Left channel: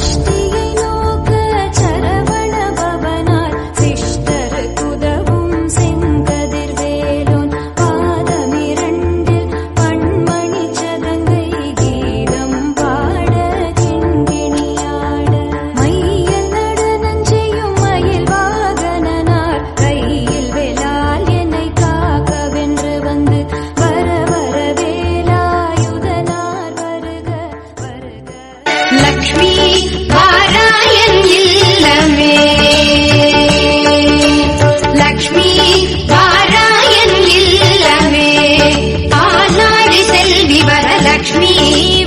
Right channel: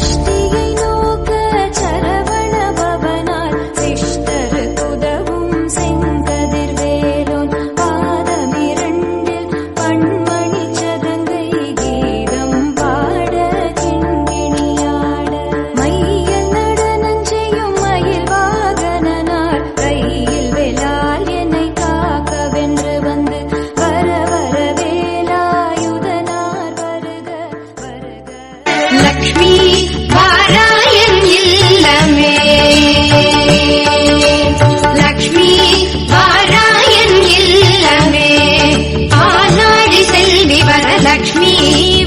Stay Lakshmi பாராயன் இல்லமே. Lakshmi பாராயன் இல்லமே. ஆளாழி செல்வி வரலக்ஷ்மி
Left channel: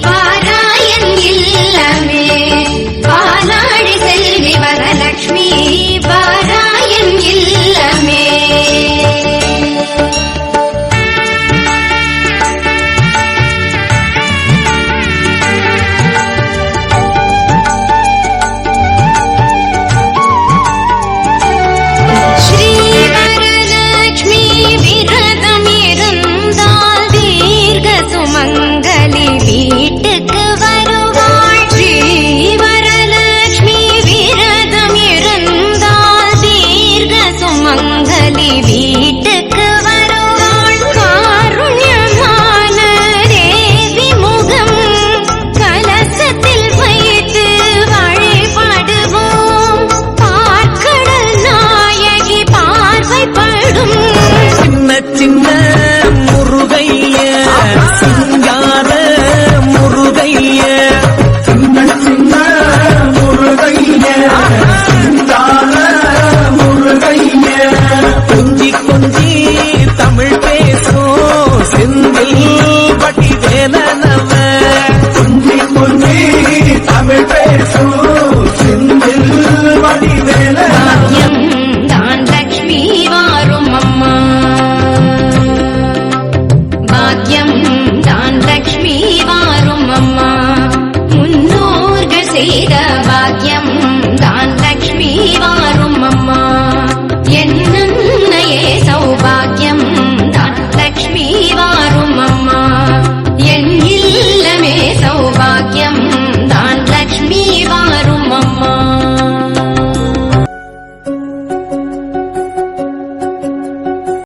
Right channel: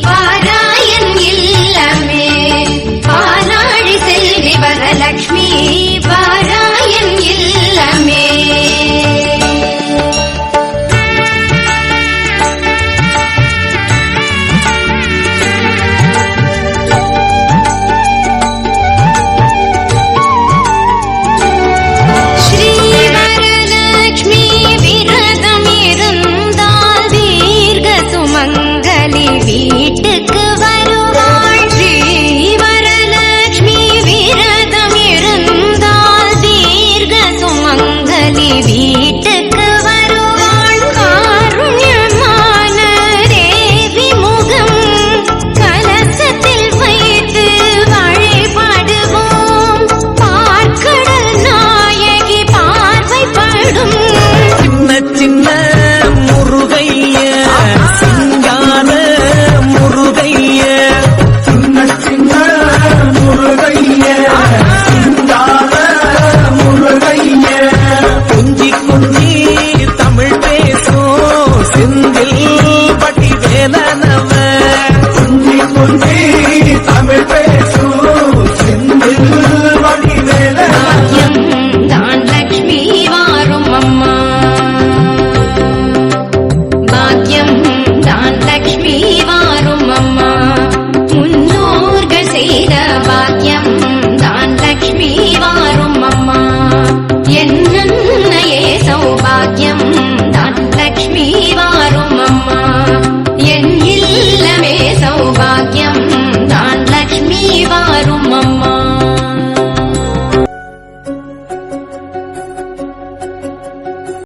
பாராயன் இல்லமே. ஆளாழி செல்வி வரலக்ஷ்மி எனக்கு வர செய்த பாக்கியம் தான் லக்ஷ்மி வாரும் அம்மா. என்னையே சௌபாக்கியம் தான் லக்ஷ்மி வாரும் அம்மா. என் இல்லமே சௌபாக்கியம் தான் லக்ஷ்மி வாரும் அம்மா.